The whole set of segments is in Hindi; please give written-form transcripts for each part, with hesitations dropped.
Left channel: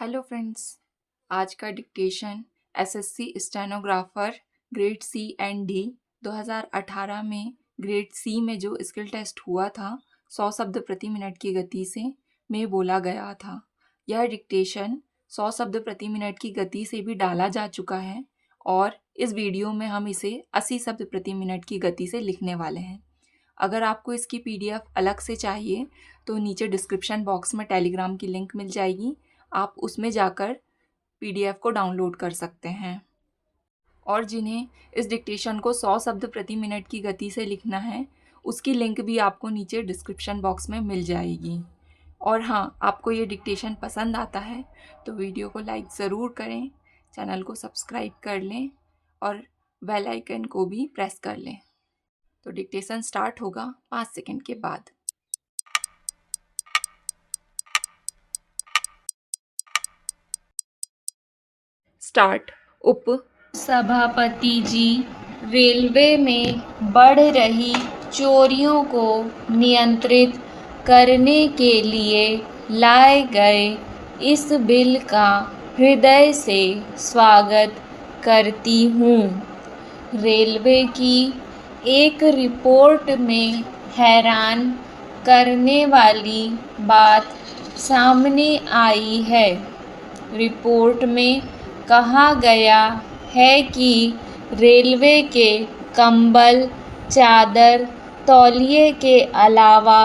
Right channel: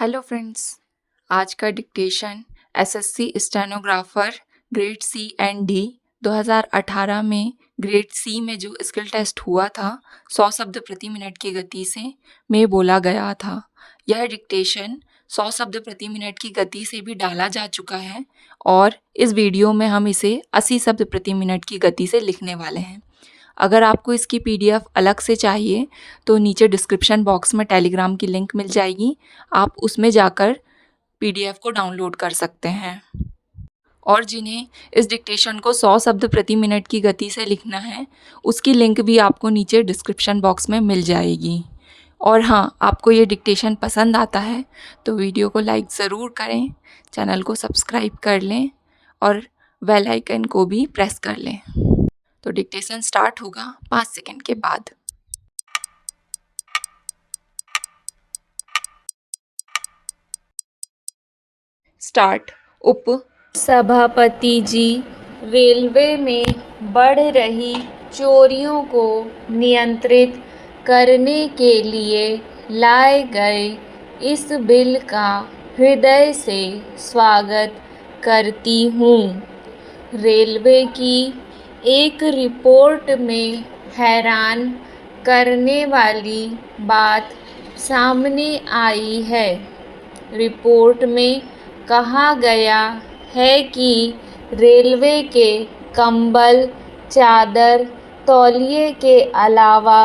Hello friends. आज का dictation SSC stenographer grade C and D 2018 में ग्रेड सी में जो स्किल टेस्ट हुआ था 100 शब्द प्रति मिनट की गति से में बोला गया था। यह डिक्टेशन 100 शब्द प्रति मिनट की गति से भी डाला जा चुका है और इस वीडियो में हम इसे 80 शब्द प्रति मिनट की गति से लिखने वाले हैं। अगर आपको इसकी पीडीएफ अलग से चाहिए तो नीचे डिस्क्रिप्शन बॉक्स में टेलीग्राम की लिंक मिल जाएगी, आप उसमें जाकर पीडीएफ को डाउनलोड कर सकते हैं। और जिन्हें इस डिक्टेशन को 100 शब्द प्रति मिनट की गति से लिखना है उसकी लिंक भी आपको नीचे डिस्क्रिप्शन बॉक्स में मिल जाएगी। और हाँ, आपको ये डिक्टेशन पसंद आता है तो वीडियो को लाइक ज़रूर करें, चैनल को सब्सक्राइब कर लें और बेल आइकन को भी प्रेस कर लें। तो डिक्टेशन स्टार्ट होगा 5 सेकंड के बाद। स्टार्ट। उप सभापति जी, रेलवे में बढ़ रही चोरियों को नियंत्रित करने के लिए लाए गए इस बिल का हृदय से स्वागत करती हूँ। रेलवे की एक रिपोर्ट में हैरान करने वाली बात सामने आई है। रिपोर्ट में कहा गया है कि रेलवे के कंबल, चादर, तौलिए के अलावा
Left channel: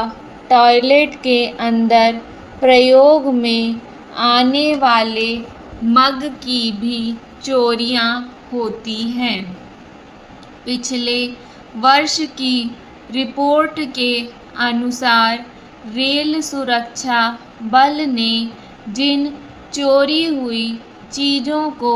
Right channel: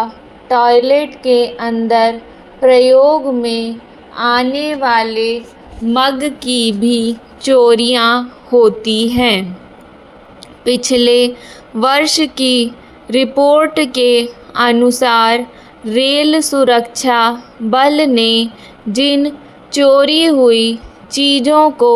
टॉयलेट के अंदर प्रयोग में आने वाले मग की भी चोरियां होती हैं। पिछले वर्ष की रिपोर्ट के अनुसार रेल सुरक्षा बल ने जिन चोरी हुई चीज़ों को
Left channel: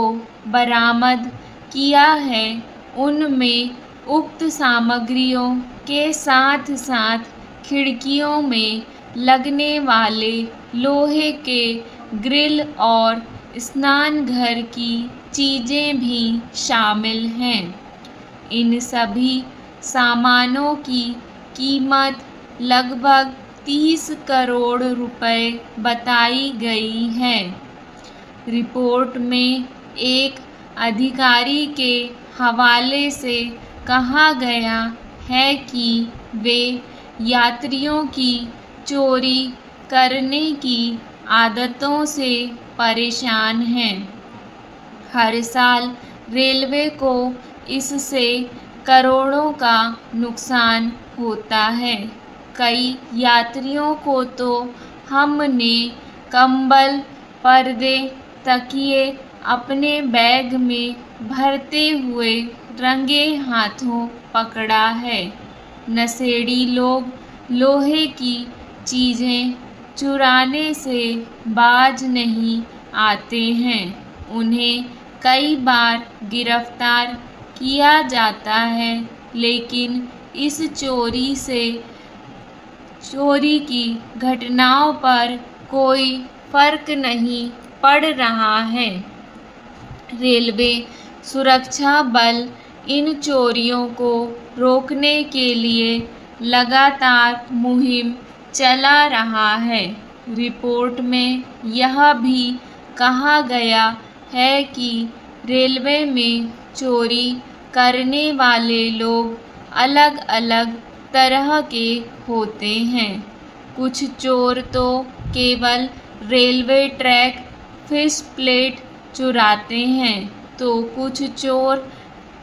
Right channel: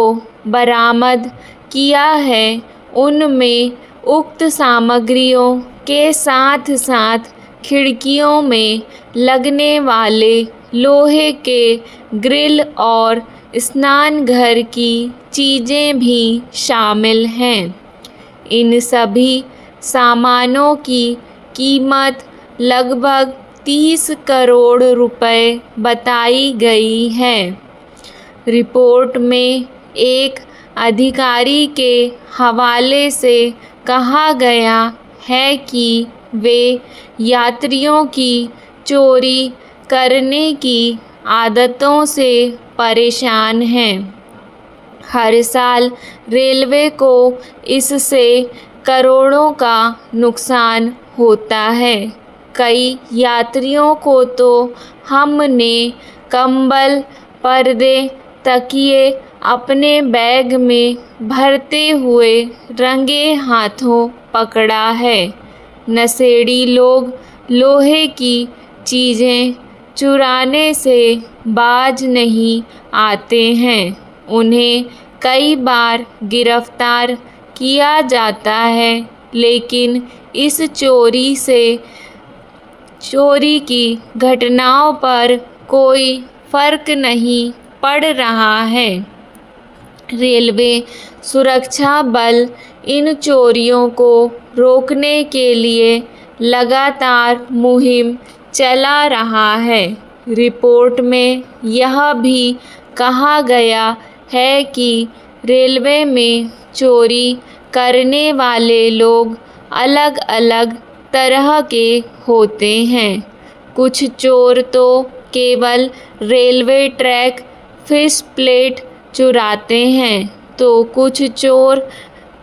बरामद किया है उनमें उक्त सामग्रियों के साथ साथ खिड़कियों में लगने वाले लोहे के ग्रिल और स्नान घर की चीज़ें भी शामिल हैं। इन सभी सामानों की कीमत लगभग 30 करोड़ रुपए बताई गई है। रिपोर्ट में एक अधिकारी के हवाले से कहा गया है कि वे यात्रियों की चोरी करने की आदतों से परेशान हैं। हर साल रेलवे को इससे करोड़ों का नुकसान होता है। कई यात्रियों को तो हमने कंबल, पर्दे, तकिए अपने बैग में भरते हुए रंगे हाथों पकड़ा है। नशेड़ी लोग लोहे की चीज़ें चुराने से बाज नहीं आते हैं। उन्हें कई बार गिरफ्तार किया जाता है, लेकिन इस चोरी की घटनाओं पर कोई फर्क नहीं पड़ रहा है। रेलवे सुरक्षा बल इन चोरियों को रोकने के लिए लगातार मुहिम चला रहा है। रिपोर्ट में यह भी कहा गया है कि रेलवे में चोरी करने वाले लोग अलग अलग तरह के होते हैं। कुछ चोर तो केवल रेलवे ट्रैक, फिश प्लेट चुराते हैं, तो कुछ चोर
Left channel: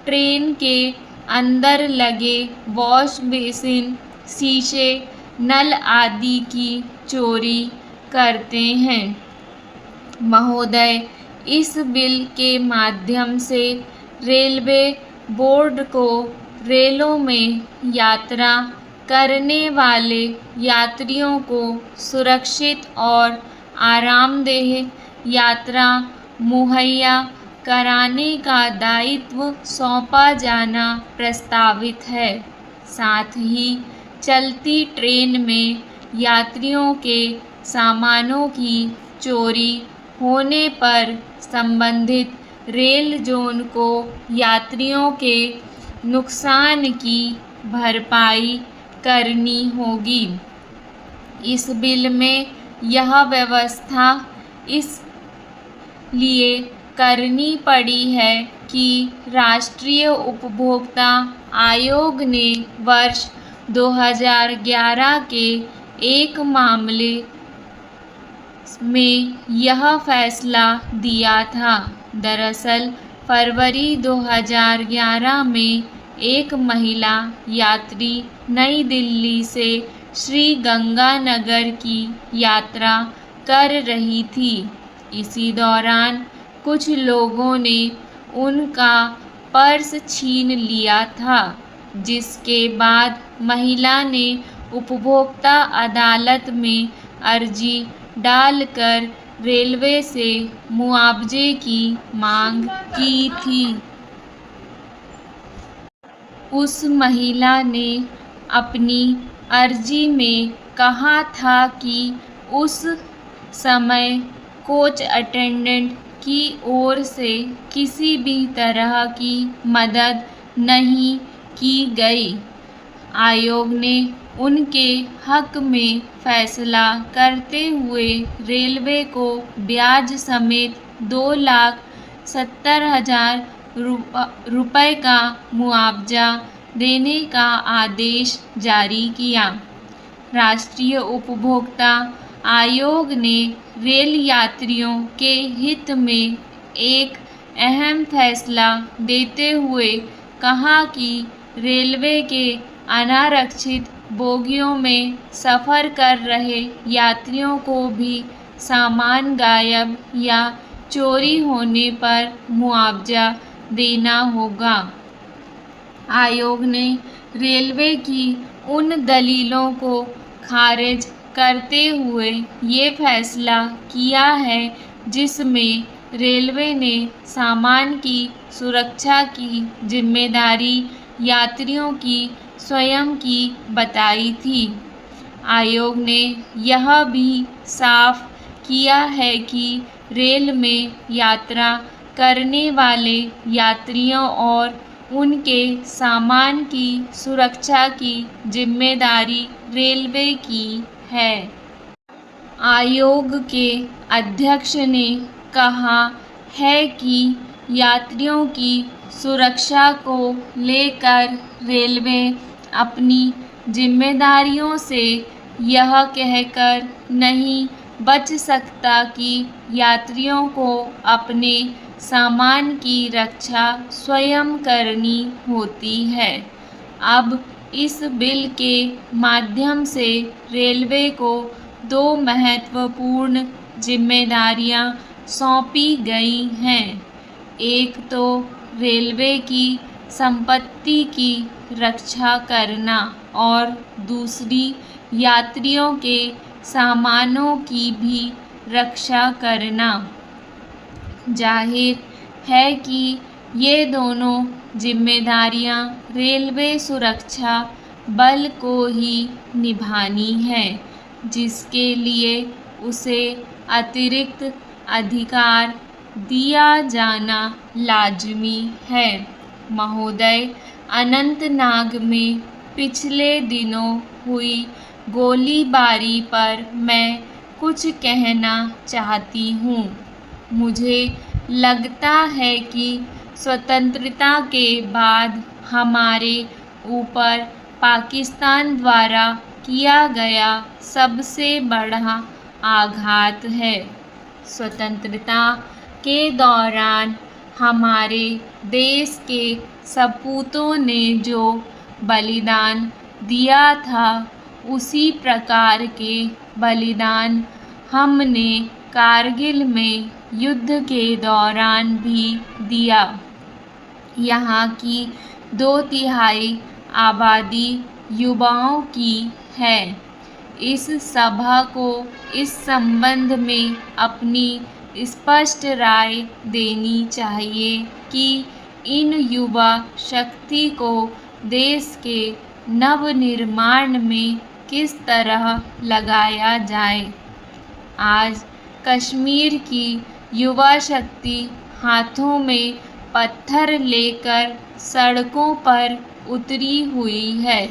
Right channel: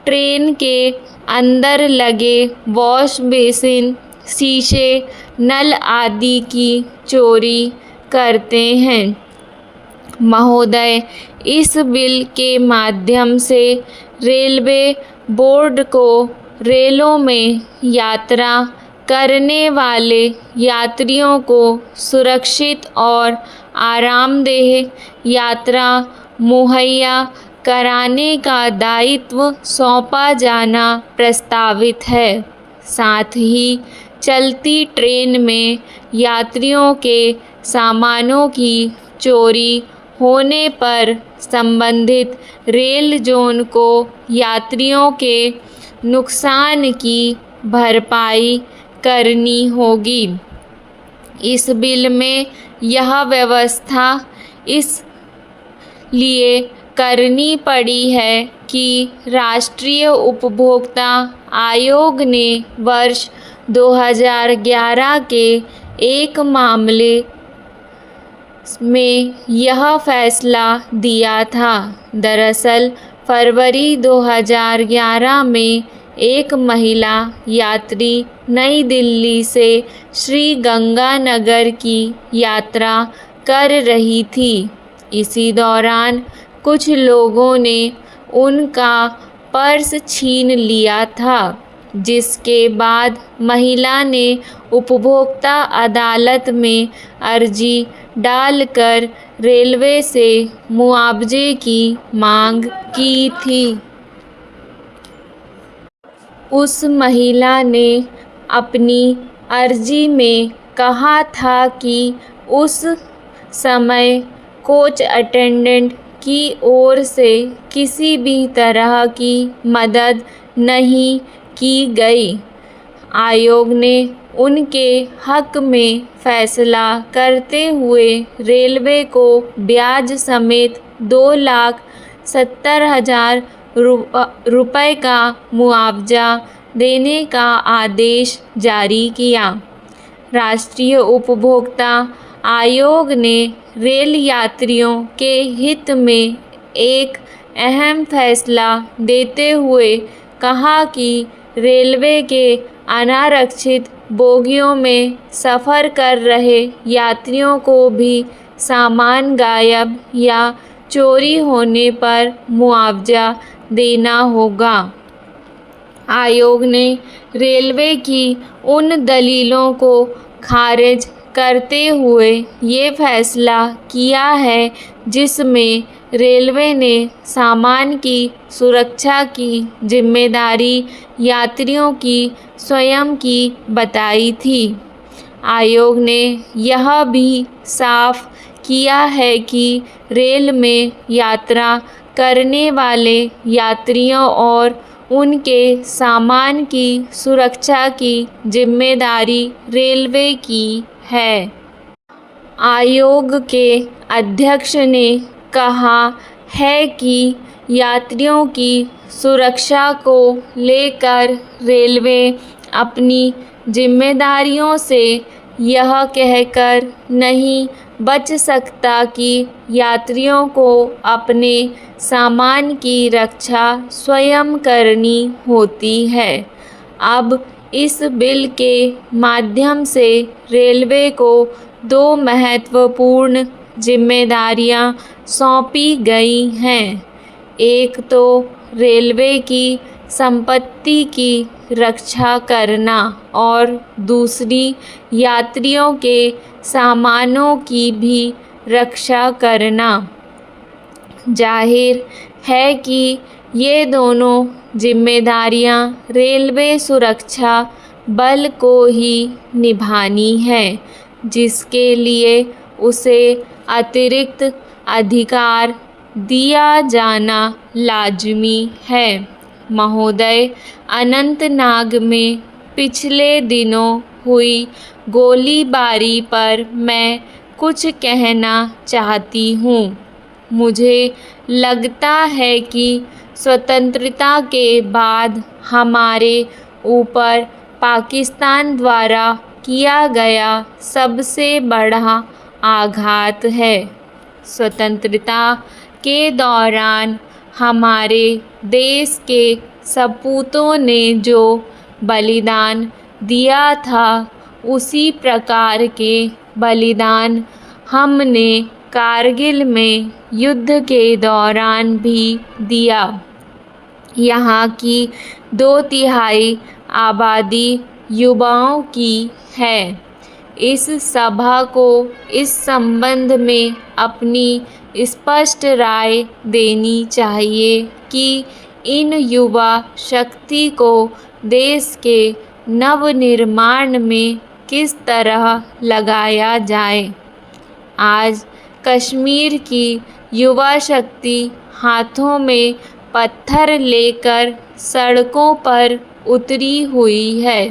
ट्रेन के अंदर लगे वॉश बेसिन, शीशे, नल आदि की चोरी करते हैं। महोदय, इस बिल के माध्यम से रेलवे बोर्ड को रेलों में यात्रा करने वाले यात्रियों को सुरक्षित और आरामदेह यात्रा मुहैया कराने का दायित्व सौंपा जाना प्रस्तावित है। साथ ही चलती ट्रेन में यात्रियों के सामानों की चोरी होने पर संबंधित रेल जोन को यात्रियों के नुकसान की भरपाई करनी होगी। इस बिल में यह व्यवस्था इस लिए करनी पड़ी है कि राष्ट्रीय उपभोक्ता आयोग ने वर्ष 2011 के एक मामले में यह फैसला दिया था। दरअसल फरवरी 2011 में एक महिला यात्री नई दिल्ली से श्री गंगानगर की यात्रा कर रही थी। इसी दौरान कुछ लोगों ने उनका पर्स छीन लिया था, जिसके बाद महिला ने उपभोक्ता अदालत में अर्जी डालकर रेलवे से मुआवजे की मांग की थी। उस महिला ने अपनी अर्जी में कहा था कि उस समय कोच अटेंडेंट की ओर से किसी भी तरह की मदद नहीं की गई। आयोग ने उनके हक में फैसला करते हुए रेलवे को ब्याज समेत 2,70,000 रुपये का मुआवजा देने का आदेश जारी किया। राष्ट्रीय उपभोक्ता आयोग ने रेल यात्रियों के हित में एक अहम फैसला देते हुए कहा कि रेलवे के अनारक्षित बोगियों में सफ़र कर रहे यात्रियों को भी सामान गायब या चोरी होने पर मुआवजा देना होगा। आयोग ने रेलवे की उन दलीलों को खारिज करते हुए ये फैसला किया है जिसमें रेलवे ने सामान की सुरक्षा की जिम्मेदारी यात्रियों की स्वयं की बताई थी। आयोग ने यह भी साफ किया है कि रेल में यात्रा करने वाले यात्रियों और उनके सामान की सुरक्षा की जिम्मेदारी रेलवे की है। आयोग के अध्यक्ष ने कहा है कि यात्रियों की सुरक्षा को लेकर रेलवे अपनी जिम्मेदारियों से यह कहकर नहीं बच सकता कि यात्रियों को अपने सामान की रक्षा स्वयं करनी होती है। अब इस बिल के माध्यम से रेलवे को 2 महत्वपूर्ण जिम्मेदारियां सौंपी गई हैं। एक तो रेलवे की संपत्ति की रक्षा करना और दूसरी यात्रियों के सामानों की भी रक्षा करना। जाहिर है कि ये दोनों जिम्मेदारियां रेलवे सुरक्षा बल को ही निभानी है, जिसके लिए उसे अतिरिक्त अधिकार दिया जाना लाजमी है। महोदय, अनंतनाग में पिछले दिनों हुई गोलीबारी पर मैं कुछ कहना चाहती हूँ। मुझे लगता है कि स्वतंत्रता के बाद हमारे ऊपर पाकिस्तान द्वारा किया गया सबसे बड़ा आघात है। स्वतंत्रता के दौरान हमारे देश के सपूतों ने जो बलिदान दिया था, उसी प्रकार के बलिदान हमने कारगिल में युद्ध के दौरान भी दिया। यहाँ की 2/3 आबादी युवाओं की है। इस सभा को इस संबंध में अपनी स्पष्ट राय देनी चाहिए कि इन युवा शक्ति को देश के नवनिर्माण में किस तरह लगाया जाए। आज कश्मीर की युवा शक्ति हाथों में पत्थर लेकर सड़कों पर उतरी हुई है।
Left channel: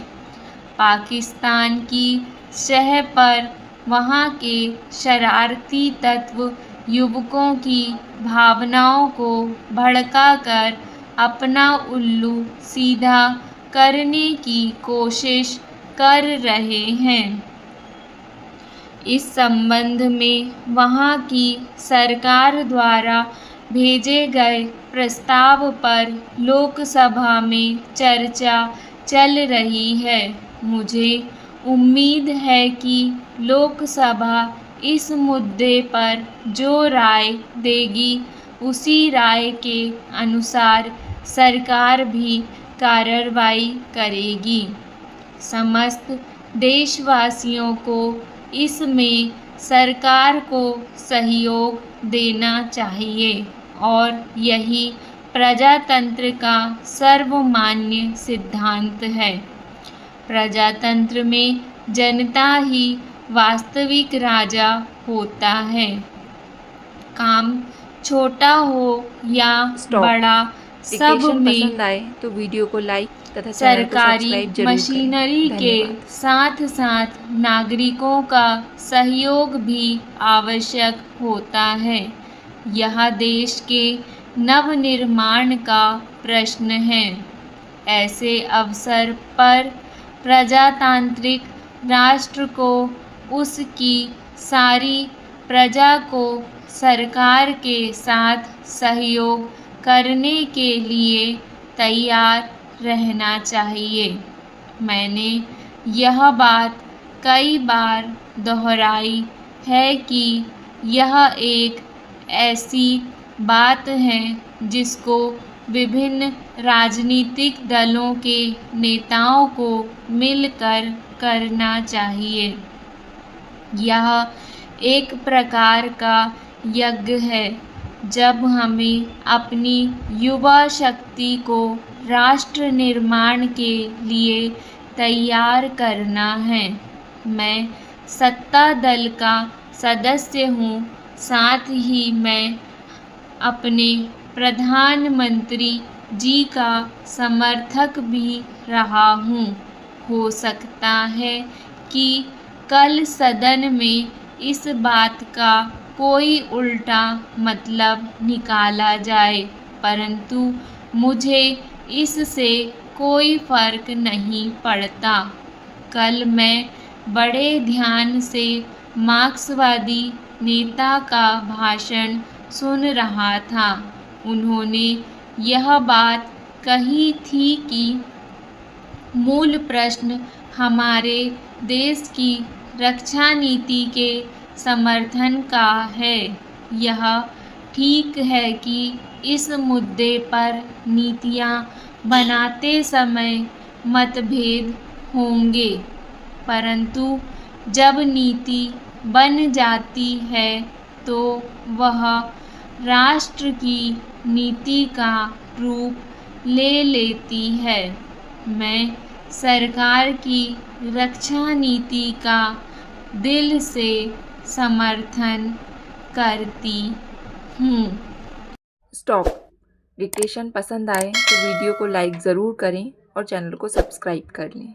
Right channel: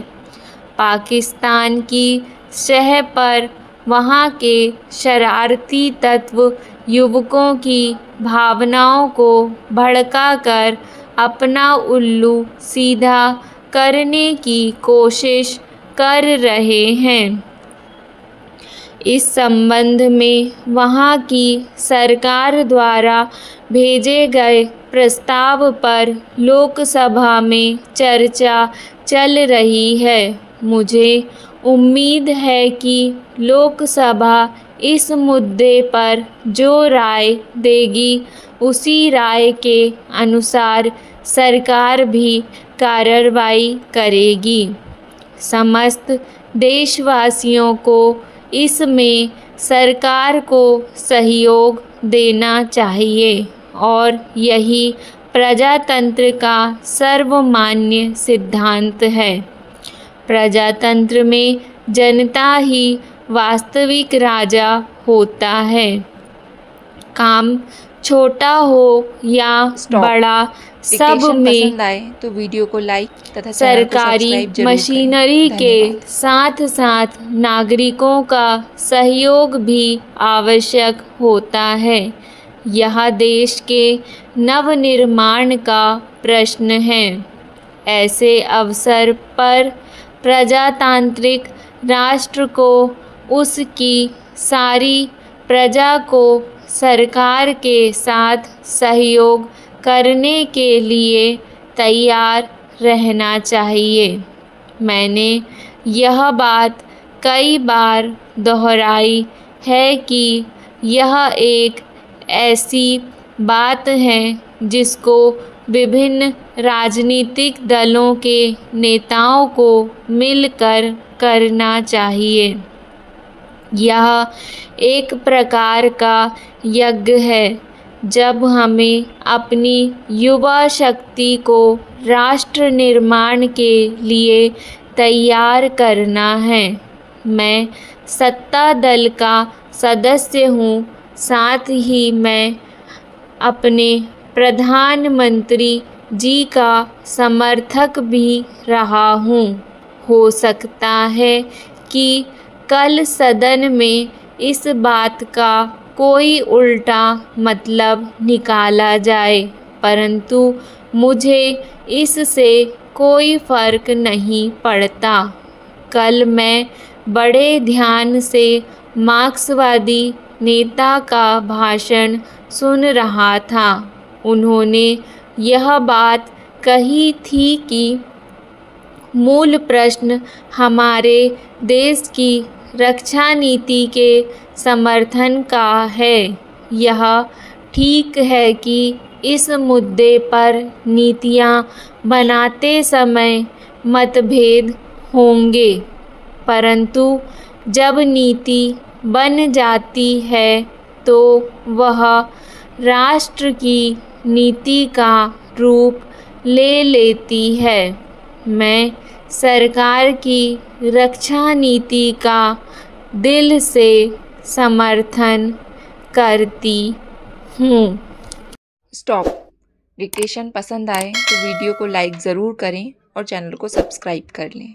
पाकिस्तान की शह पर वहाँ के शरारती तत्व युवकों की भावनाओं को भड़काकर अपना उल्लू सीधा करने की कोशिश कर रहे हैं। इस संबंध में वहां की सरकार द्वारा भेजे गए प्रस्ताव पर लोकसभा में चर्चा चल रही है। मुझे उम्मीद है कि लोकसभा इस मुद्दे पर जो राय देगी उसी राय के अनुसार सरकार भी कार्रवाई करेगी। समस्त देशवासियों को इसमें सरकार को सहयोग देना चाहिए और यही प्रजातंत्र का सर्वमान्य सिद्धांत है। प्रजातंत्र में जनता ही वास्तविक राजा होता है। काम छोटा हो या बड़ा, सब डिक्टेशन में पसंद आए तो वीडियो को लाइक तथा चैनल को सरकारी सब्सक्राइब जरूर करें। मशीनरी के धन्यवाद। साथ साथ नागरिकों का सहयोग भी आवश्यक होता है। यह देश के नवनिर्माण का प्रश्न है। ऐसे अवसर पर प्रजातांत्रिक राष्ट्र को उसकी सारी प्रजा को सरकार के साथ सहयोग करने के लिए तैयार रहना चाहिए। मैंने यह बात कई बार दोहराई है कि यह एक ऐसी बात है जिसको विभिन्न राजनीतिक दलों के नेताओं को मिलकर करना चाहिए। यह एक प्रकार का यज्ञ है। जब हमें अपनी युवा शक्ति को राष्ट्र निर्माण के लिए तैयार करना है। मैं सत्ता दल का सदस्य हूँ, साथ ही मैं अपने प्रधानमंत्री जी का समर्थक भी रहा हूँ। हो सकता है कि कल सदन में इस बात का कोई उल्टा मतलब निकाला जाए, परंतु मुझे इससे कोई फर्क नहीं पड़ता। कल मैं बड़े ध्यान से मार्क्सवादी नेता का भाषण सुन रहा था। उन्होंने यह बात कही थी कि मूल प्रश्न हमारे देश की रक्षा नीति के समर्थन का है। यह ठीक है कि इस मुद्दे पर नीतियाँ बनाते समय मतभेद होंगे, परंतु जब नीति बन जाती है तो वह राष्ट्र की नीति का रूप ले लेती है। मैं सरकार की रक्षा नीति का दिल से समर्थन करती हूँ। स्टॉप। डिक्टेशन पसंद आए तो वीडियो को लाइक ज़रूर करें और चैनल को सब्सक्राइब कर लें।